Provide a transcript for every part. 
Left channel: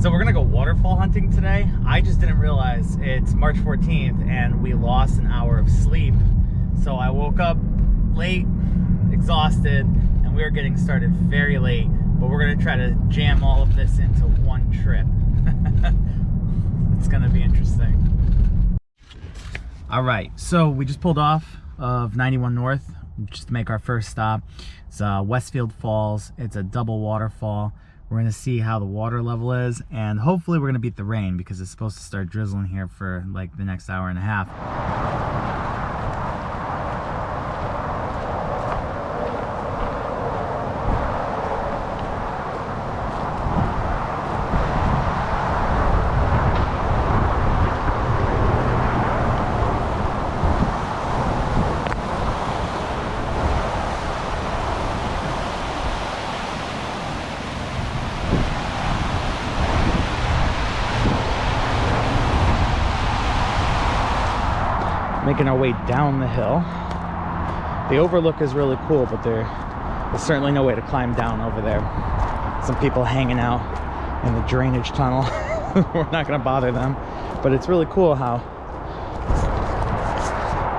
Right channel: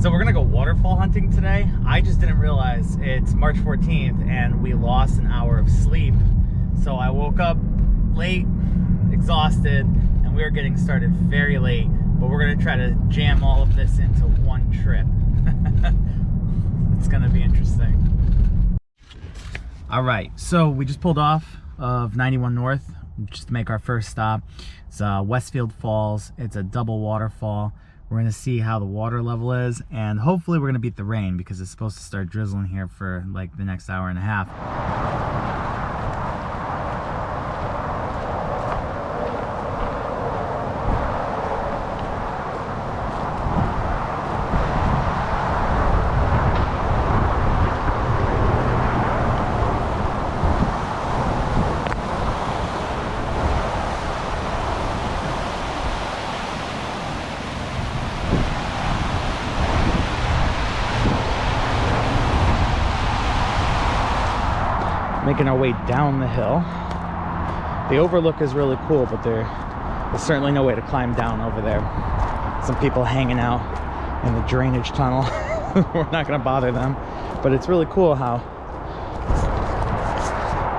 So we're gonna go waterfall hunting today. I just didn't realize it's March 14th and we lost an hour of sleep. So I woke up late, exhausted, and we are getting started very late, but we're gonna try to jam all of this into one trip. It's gonna be interesting. All right, so we just pulled off of 91 North just to make our first stop. It's Westfield Falls. It's a double waterfall. We're gonna see how the water level is, and hopefully we're gonna beat the rain because it's supposed to start drizzling here for like the next hour and a half. Making our way down the hill. The overlook is really cool, but there's certainly no way to climb down over there. Some people hanging out in the drainage tunnel. We're not gonna bother them, but it's really cool how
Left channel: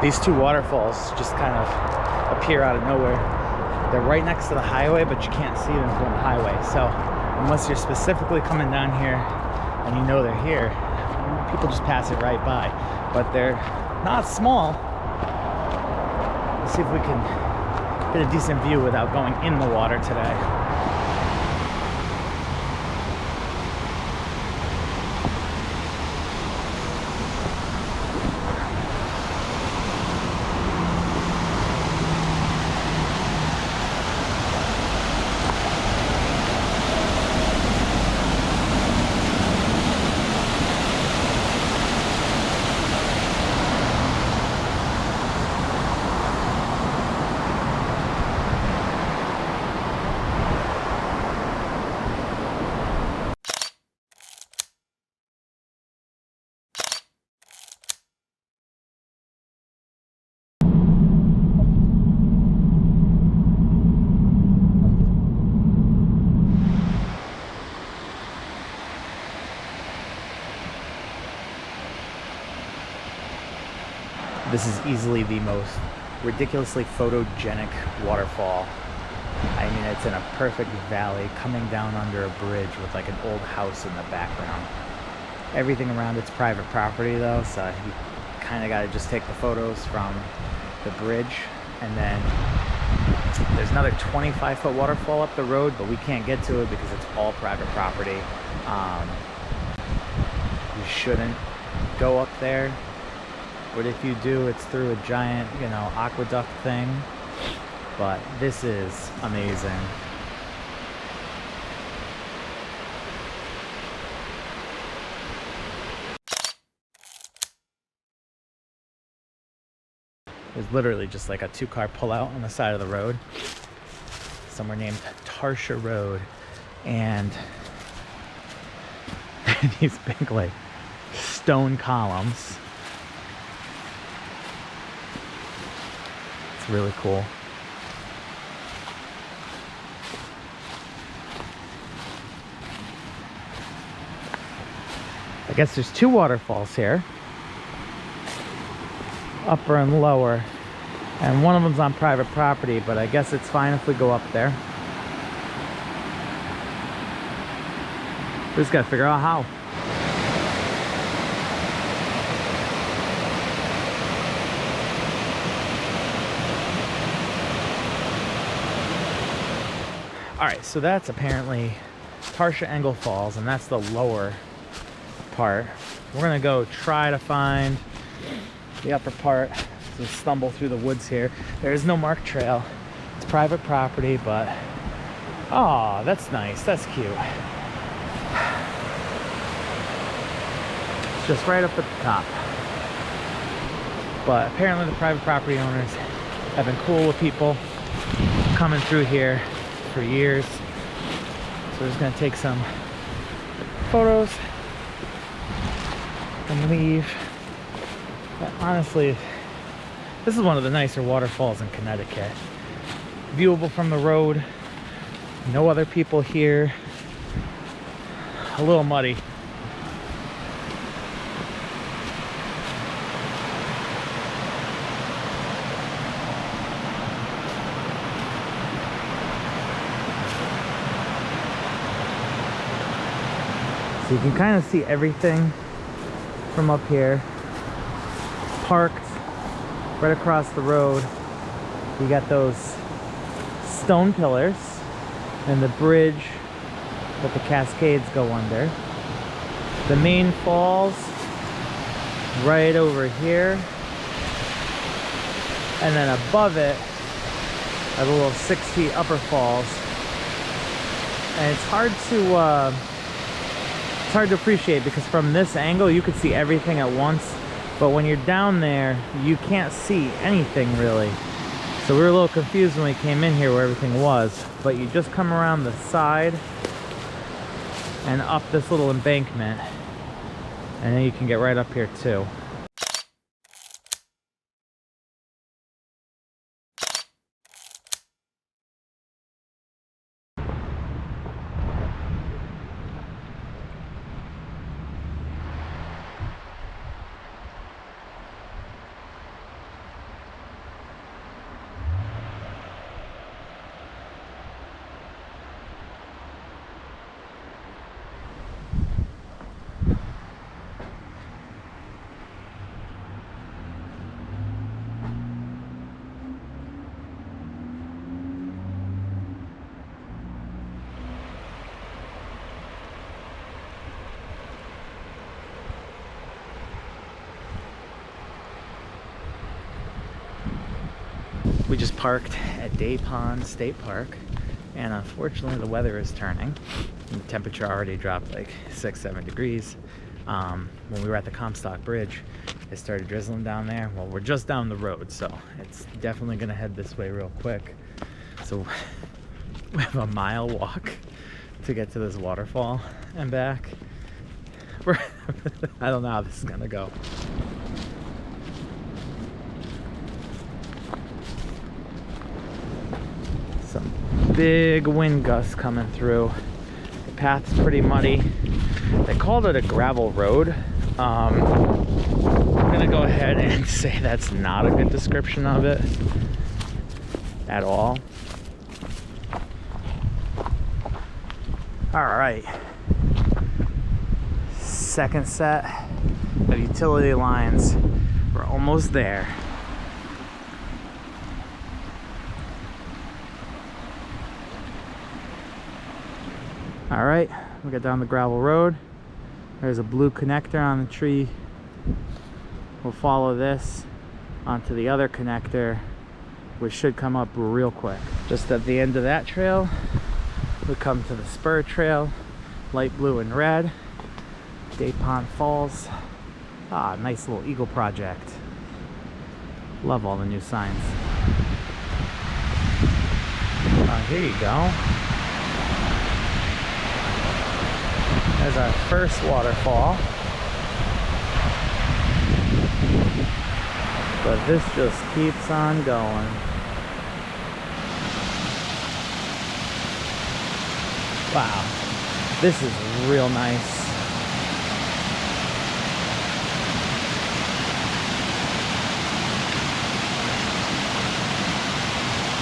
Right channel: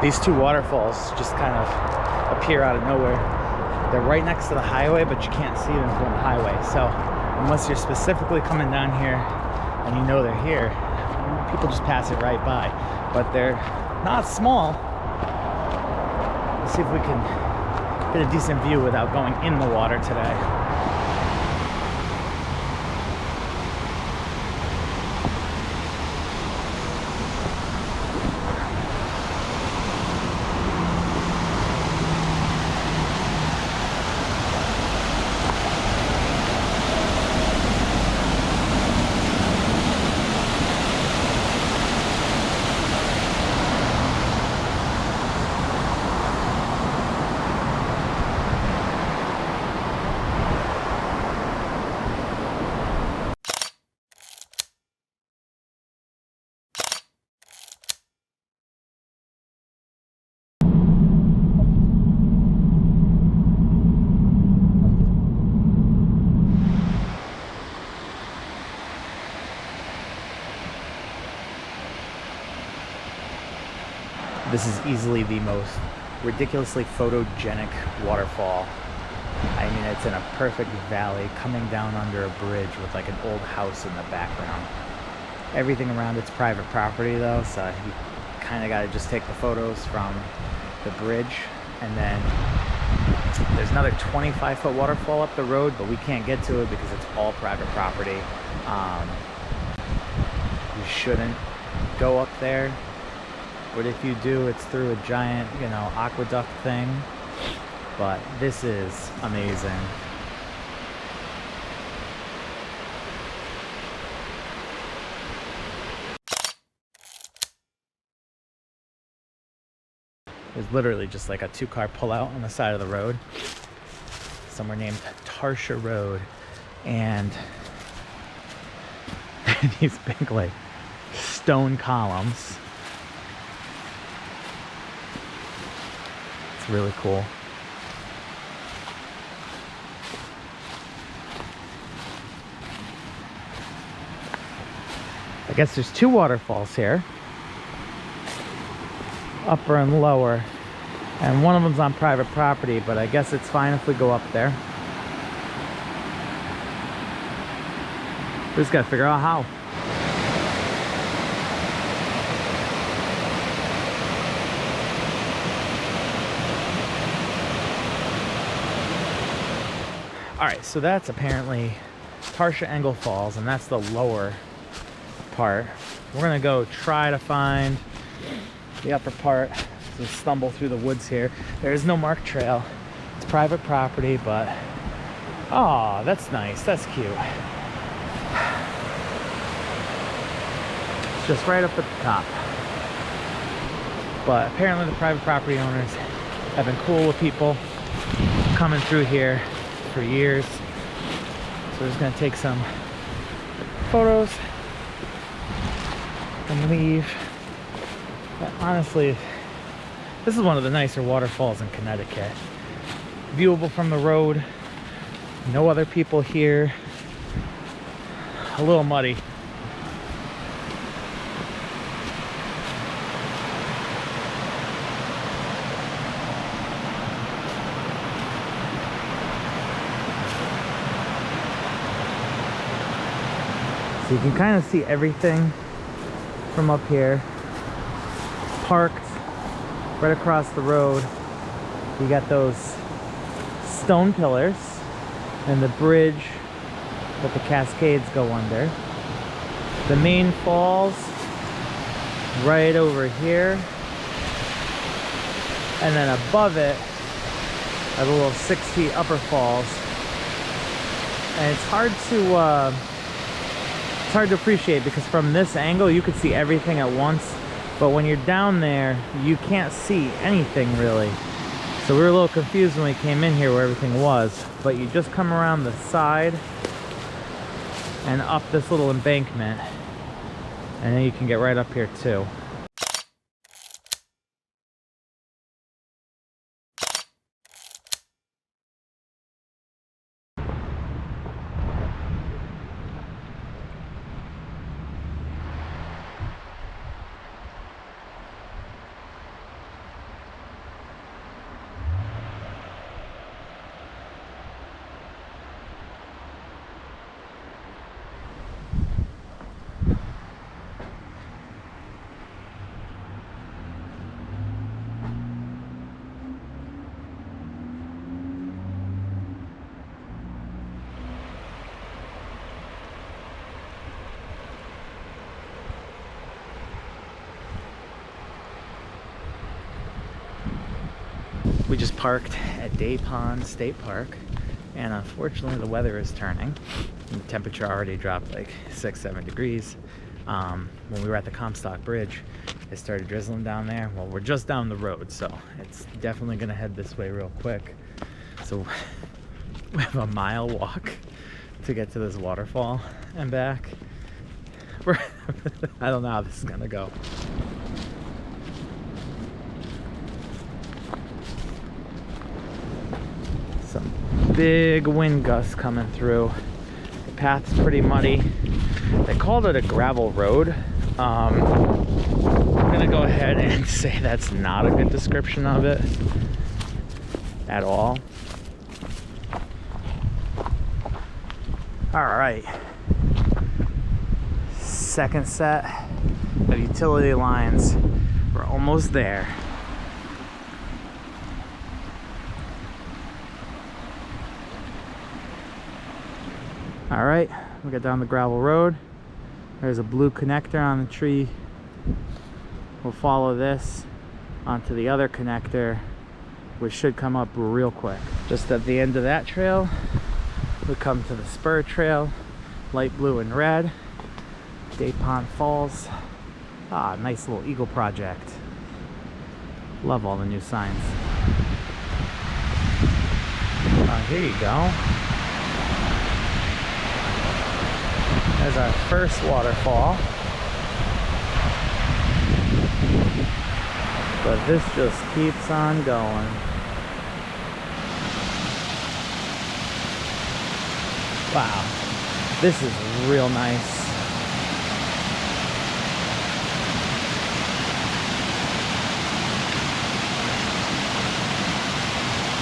these two waterfalls just kind of appear out of nowhere. They're right next to the highway, but you can't see them from the highway. So unless you're specifically coming down here and you know they're here, people just pass it right by. But they're not small. Let's see if we can get a decent view without going in the water today. This is easily the most ridiculously photogenic waterfall. I mean, it's in a perfect valley coming down under a bridge with like an old house in the background. Everything around it's private property though, so you kind of got to just take the photos from the bridge. And then there's another 25-foot waterfall up the road, but we can't get to it because it's all private property. You shouldn't go up there. But if you do, it's through a giant, you know, aqueduct thing. But this is amazing. There's literally just like a two-car pullout on the side of the road. Somewhere named Tartia Road. And these big, like, stone columns. Really cool. I guess there's two waterfalls here, upper and lower, and one of them's on private property, but I guess it's fine if we go up there. We just gotta figure out how. Alright, so that's apparently Tartia Engel Falls, and that's the lower part. We're gonna go try to find the upper part. So stumble through the woods here. There is no marked trail. It's private property, but oh, that's nice. That's cute. It's just right up at the top. But apparently the private property owners have been cool with people coming through here for years. So we're just gonna take some photos and leave. But honestly, this is one of the nicer waterfalls in Connecticut. Viewable from the road, no other people here. a little muddy. So you can kind of see everything from up here. Parked right across the road. You got those stone pillars and the bridge that the Cascades go under. The main falls right over here. And then above it are the little 6 feet upper falls. And it's hard to appreciate because from this angle you could see everything at once, but when you're down there you can't see anything really. So we were a little confused when we came in here where everything was, but you just come around the side and up this little embankment and then you can get right up here too. We just parked at Day Pond State Park, and unfortunately the weather is turning. The temperature already dropped like 6-7 degrees. When we were at the Comstock Bridge, it started drizzling down there. Well, we're just down the road, so it's definitely gonna head this way real quick. So we have a mile walk to get to this waterfall and back. I don't know how this is gonna go. Some big wind gusts coming through. The path's pretty muddy. They called it a gravel road. I'm gonna go ahead and say that's not a good description of it at all. All right, second set of utility lines. We're almost there. All right, we got down the gravel road. There's a blue connector on the tree. We'll follow this onto the other connector, which should come up real quick. Just at the end of that trail, we come to the spur trail, light blue and red. Day Pond Falls. Ah, nice little eagle project. Love all the new signs. Here you go. There's our first waterfall. But this just keeps on going. Wow, this is real nice.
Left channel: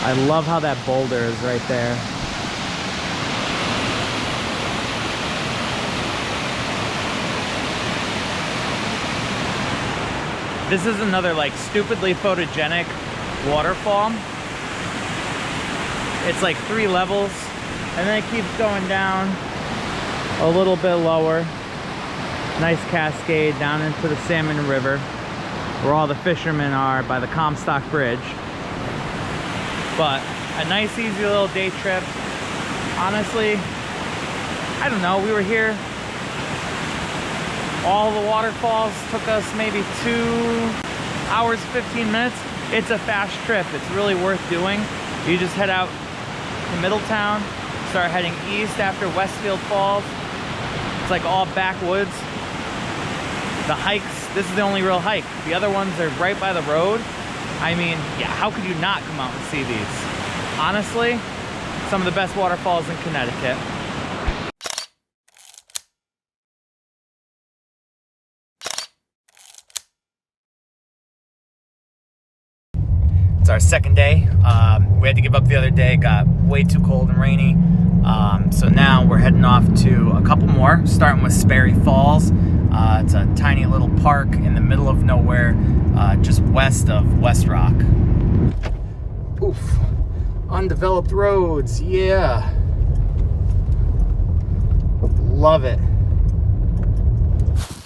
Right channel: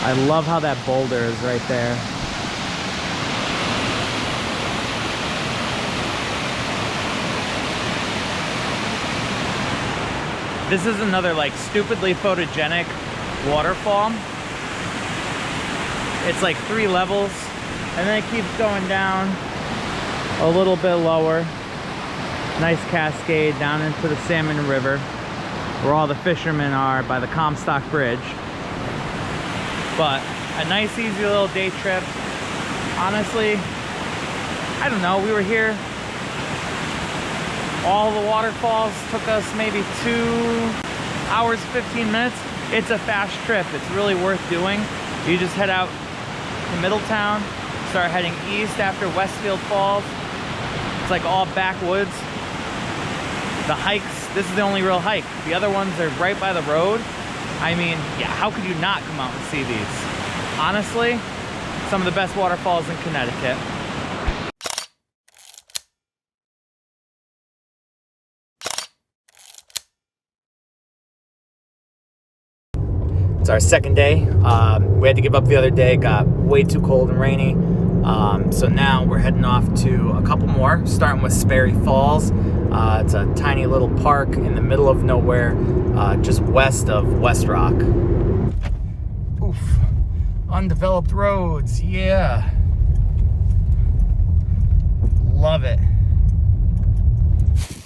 I love how that boulder is right there. This is another like stupidly photogenic waterfall. It's like 3 levels and then it keeps going down a little bit lower. Nice cascade down into the Salmon River where all the fishermen are by the Comstock Bridge. But a nice easy little day trip. Honestly, I don't know, we were here. All the waterfalls took us maybe 2 hours, 15 minutes. It's a fast trip. It's really worth doing. You just head out to Middletown, start heading east after Westfield Falls. It's like all backwoods. The hikes, this is the only real hike. The other ones are right by the road. I mean, yeah, how could you not come out and see these? Honestly, some of the best waterfalls in Connecticut. It's our second day. We had to give up the other day. It got way too cold and rainy. So now we're heading off to a couple more, starting with Sperry Falls. It's a tiny little park in the middle of nowhere, just west of West Rock. Oof. Undeveloped roads, yeah. Love it.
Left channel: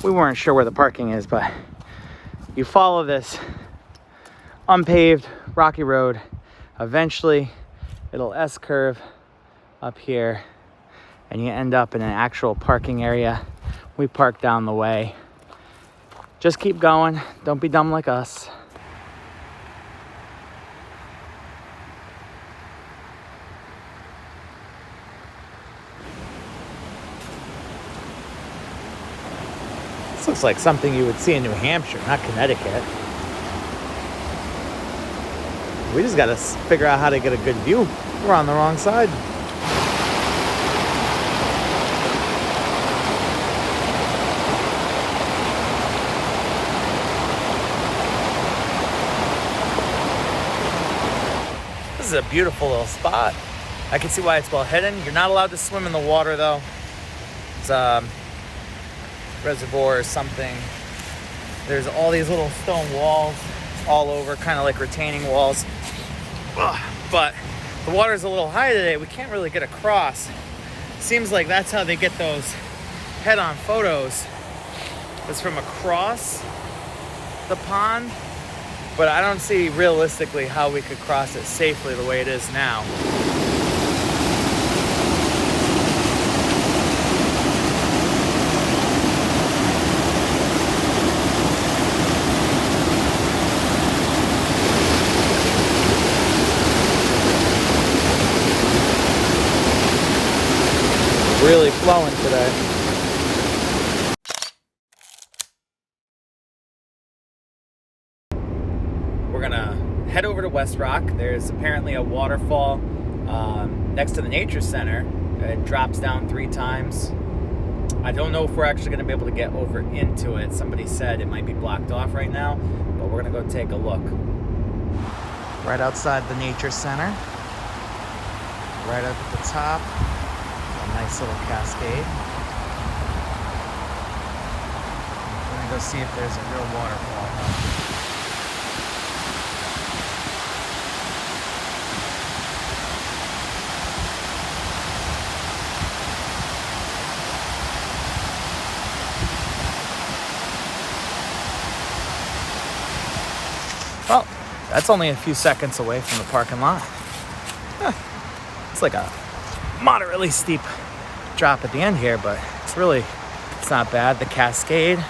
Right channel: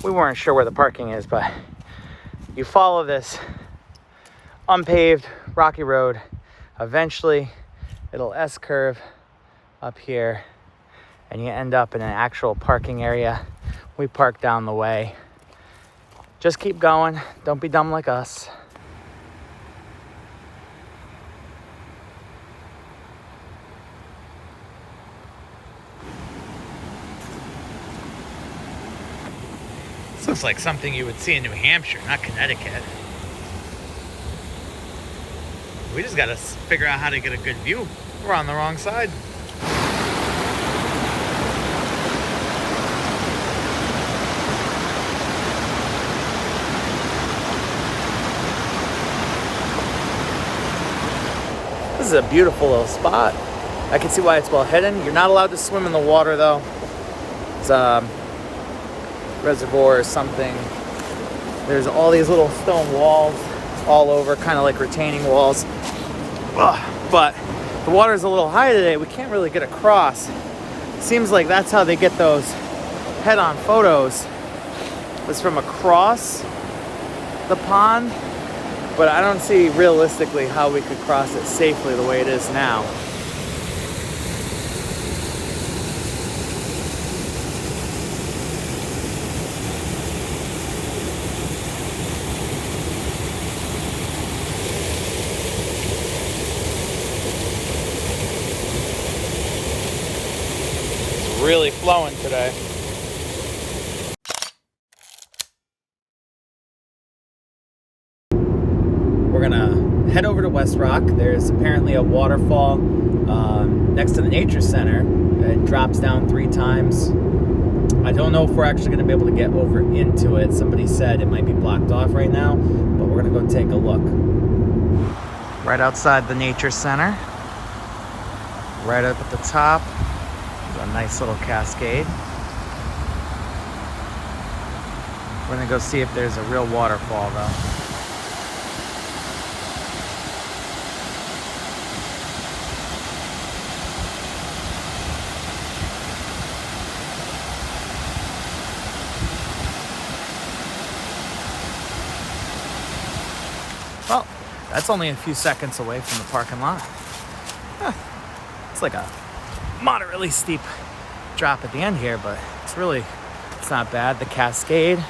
We weren't sure where the parking is, but you follow this unpaved rocky road, eventually it'll S-curve up here and you end up in an actual parking area. We park down the way. Just keep going, don't be dumb like us. This looks like something you would see in New Hampshire, not Connecticut. We just gotta figure out how to get a good view. We're on the wrong side. This is a beautiful little spot. I can see why it's well hidden. You're not allowed to swim in the water though. It's a reservoir or something. There's all these little stone walls all over, kind of like retaining walls. But the water is a little high today. We can't really get across. Seems like that's how they get those head-on photos, was from across the pond. But I don't see realistically how we could cross it safely the way it is now. Really flowing today. We're gonna head over to West Rock. There's apparently a waterfall next to the nature center. It drops down 3 times. I don't know if we're actually gonna be able to get over into it. Somebody said it might be blocked off right now, but we're gonna go take a look. Right outside the nature center, right up at the top. A nice little cascade. We're gonna go see if there's a real waterfall though. Well, that's only a few seconds away from the parking lot. It's like a moderately steep drop at the end here, but it's not bad. The cascade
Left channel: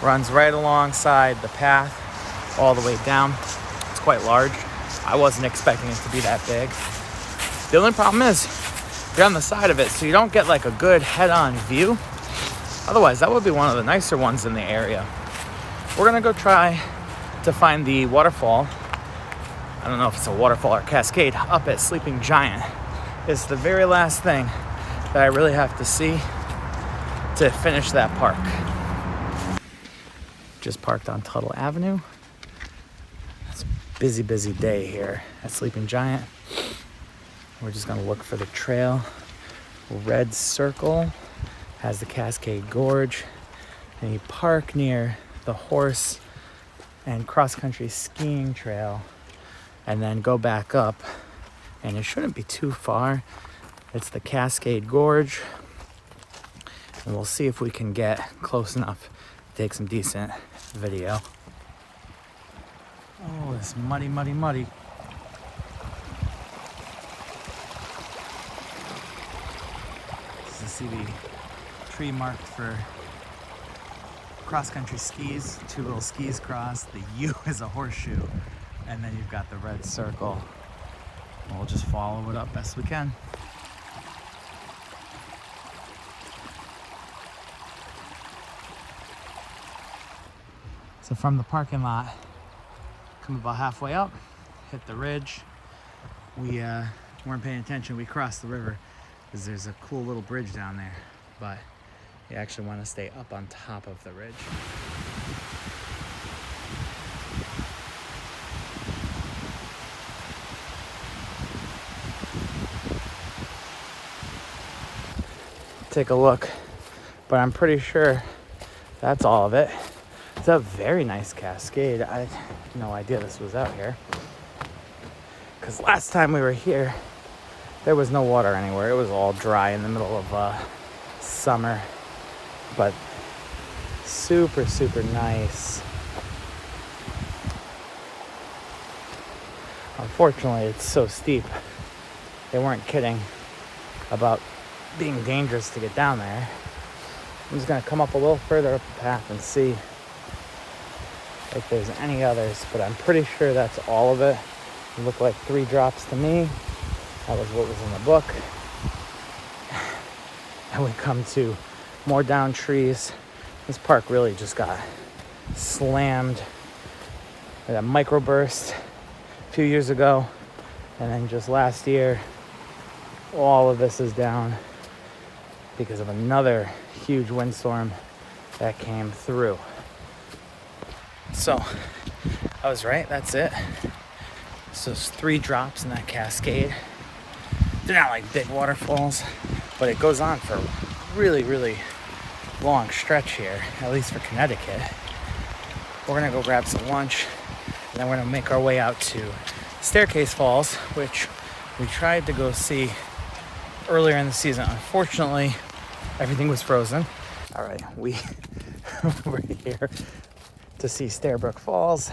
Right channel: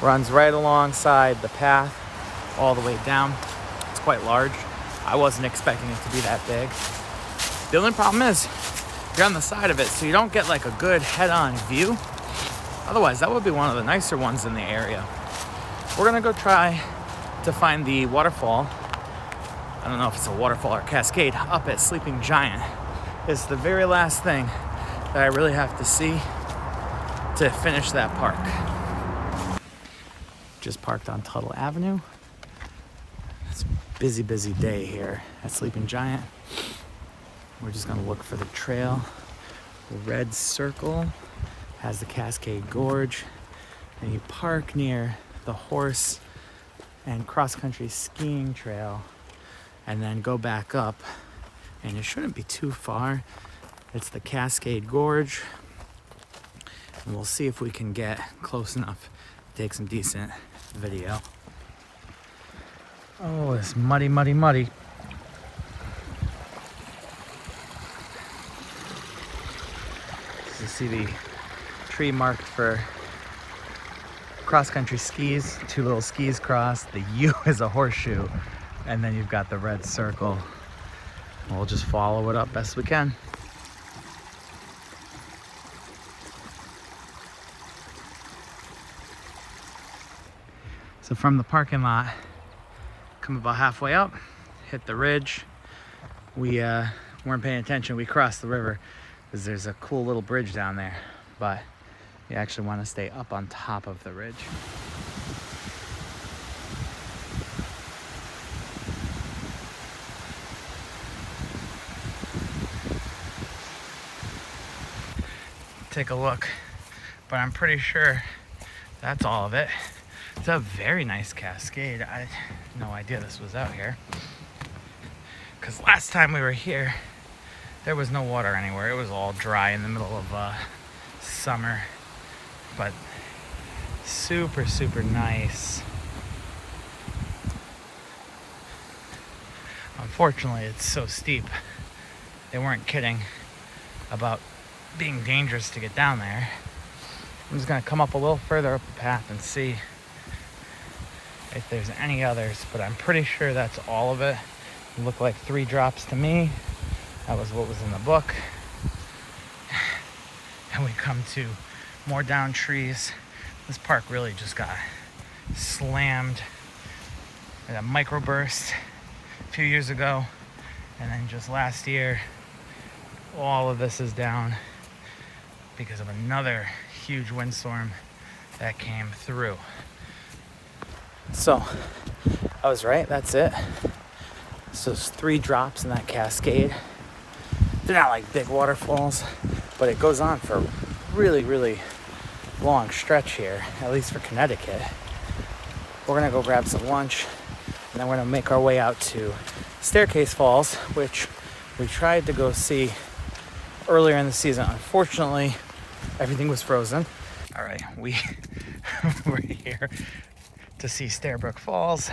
runs right alongside the path all the way down. It's quite large. I wasn't expecting it to be that big. The only problem is you're on the side of it, so you don't get like a good head-on view. Otherwise, that would be one of the nicer ones in the area. We're gonna go try to find the waterfall. I don't know if it's a waterfall or cascade up at Sleeping Giant. It's the very last thing that I really have to see to finish that park. Just parked on Tuttle Avenue. It's a busy day here at Sleeping Giant. We're just gonna look for the trail. Red circle has the Cascade Gorge, and you park near the horse and cross-country skiing trail and then go back up. And it shouldn't be too far. It's the Cascade Gorge. And we'll see if we can get close enough to take some decent video. Oh, it's muddy. You see the tree marked for cross-country skis, 2 little skis crossed. The U is a horseshoe. And then you've got the red circle. We'll just follow it up best we can. So from the parking lot, come about halfway up, hit the ridge. We weren't paying attention. We crossed the river because there's a cool little bridge down there, but you actually want to stay up on top of the ridge. take a look, but I'm pretty sure that's all of it. It's a very nice cascade. I had no idea this was out here, because last time we were here, there was no water anywhere. It was all dry in the middle of summer, but super, super nice. Unfortunately, it's so steep. They weren't kidding about being dangerous to get down there. I'm just gonna come up a little further up the path and see if there's any others, but I'm pretty sure that's all of it. It looked like 3 drops to me. That was what was in the book. And we come to more down trees. This park really just got slammed with a microburst a few years ago, and then just last year all of this is down because of another huge windstorm that came through. So I was right, that's it. So it's 3 drops in that cascade. They're not like big waterfalls, but it goes on for a really, really long stretch here, at least for Connecticut. We're gonna go grab some lunch, and then we're gonna make our way out to Stair Falls, which we tried to go see earlier in the season. Unfortunately, everything was frozen. All right, we're here to see Brook Falls.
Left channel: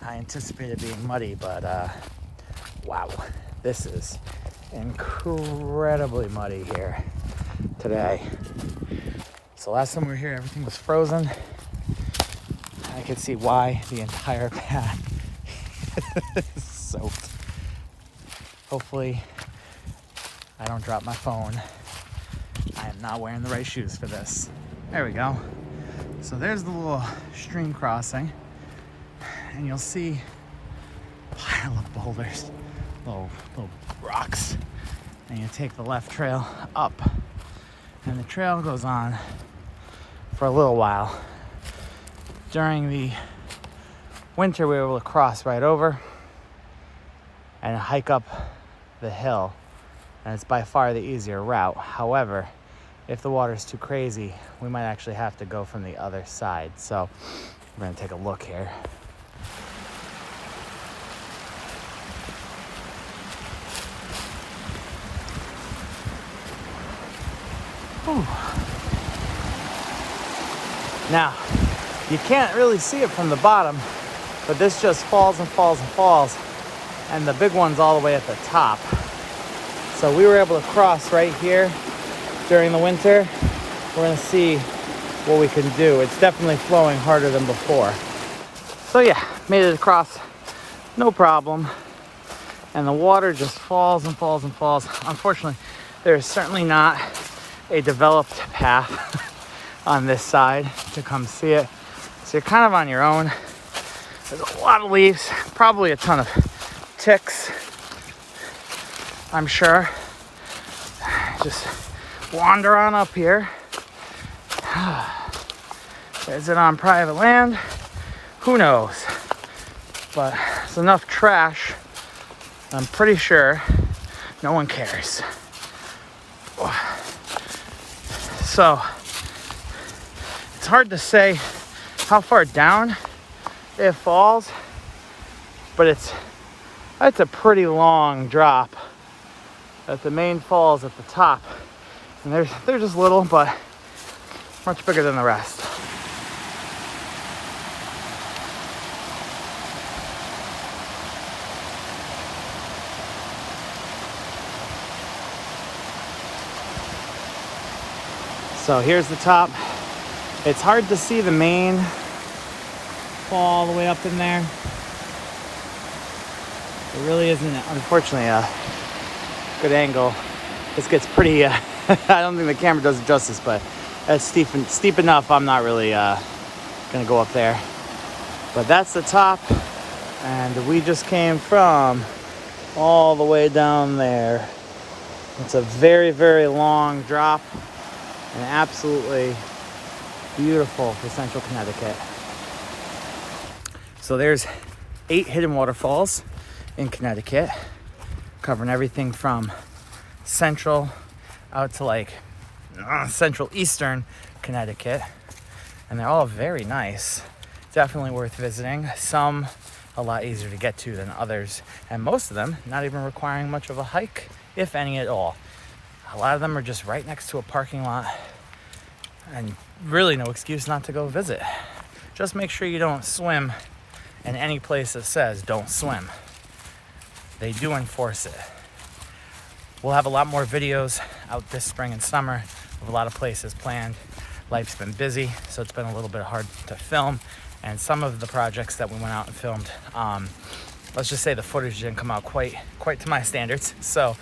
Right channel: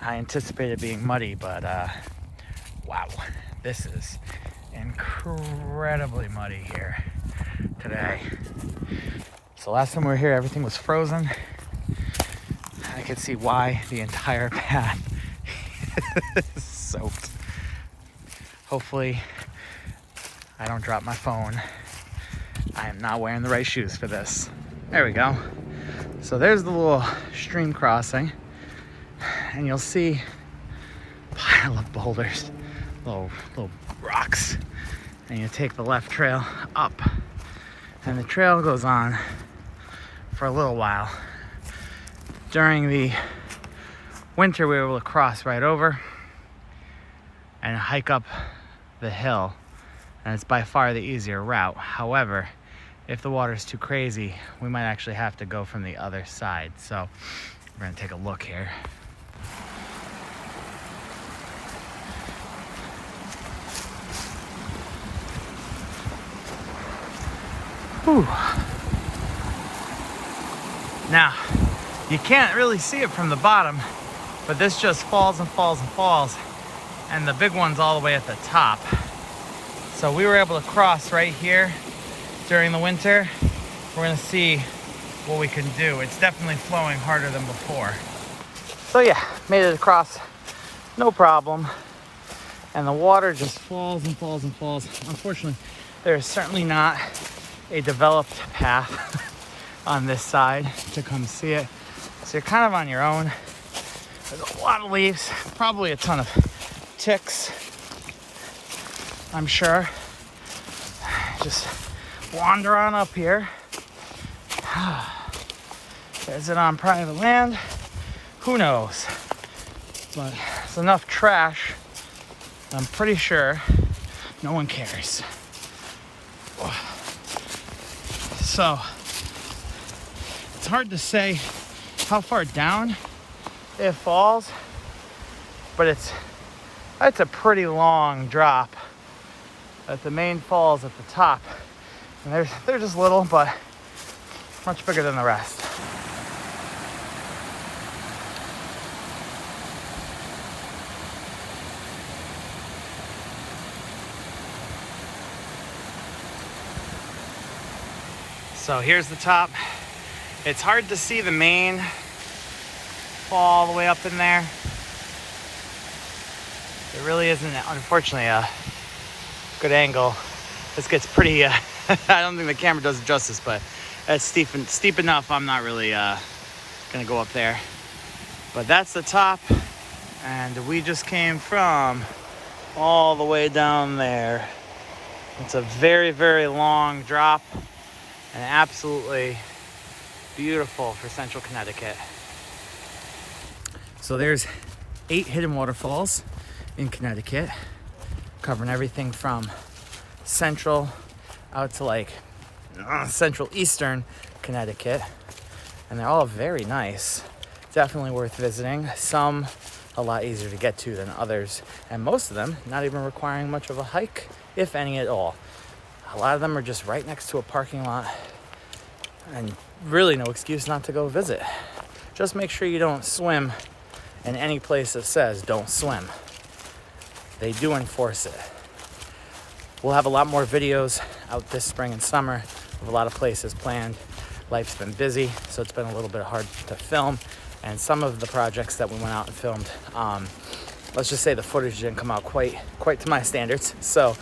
I anticipated being muddy, but wow, this is incredibly muddy here today. So last time we were here, everything was frozen. I could see why the entire path is soaked. Hopefully I don't drop my phone. I am not wearing the right shoes for this. There we go. So there's the little stream crossing, and you'll see a pile of boulders, little rocks, and you take the left trail up, and the trail goes on for a little while. During the winter, we were able to cross right over and hike up the hill, and it's by far the easier route. However, if the water's too crazy, we might actually have to go from the other side. So we're gonna take a look here. Whew. Now, you can't really see it from the bottom, but this just falls and falls and falls, and the big one's all the way at the top. So we were able to cross right here during the winter. We're gonna see what we can do. It's definitely flowing harder than before. So yeah, made it across, no problem. And the water just falls and falls and falls. Unfortunately, there's certainly not a developed path on this side to come see it. So you're kind of on your own. There's a lot of leaves, probably a ton of ticks, I'm sure. Just wander on up here. Is it on private land? Who knows? But there's enough trash, I'm pretty sure no one cares. So it's hard to say how far down it falls, but that's a pretty long drop. At the main falls at the top, and they're just little, but much bigger than the rest. So here's the top. It's hard to see the main fall all the way up in there. It really isn't, unfortunately, a good angle. This gets pretty, I don't think the camera does it justice, but it's steep enough. I'm not really gonna go up there. But that's the top, and we just came from all the way down there. It's a very, very long drop, and absolutely beautiful for central Connecticut. So there's 8 hidden waterfalls in Connecticut, covering everything from central out to like central eastern Connecticut, and they're all very nice. Definitely worth visiting. Some a lot easier to get to than others, and most of them not even requiring much of a hike, if any at all. A lot of them are just right next to a parking lot, and really no excuse not to go visit. Just make sure you don't swim in any place that says don't swim. They do enforce it. We'll have a lot more videos out this spring and summer of a lot of places planned. Life's been busy, so it's been a little bit hard to film. And some of the projects that we went out and filmed, let's just say the footage didn't come out quite to my standards. So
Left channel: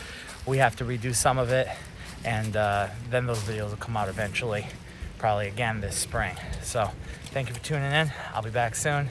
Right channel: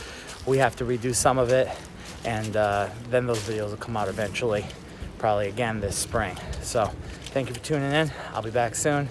we have to redo some of it, and then those videos will come out eventually, probably again this spring. So thank you for tuning in. I'll be back soon.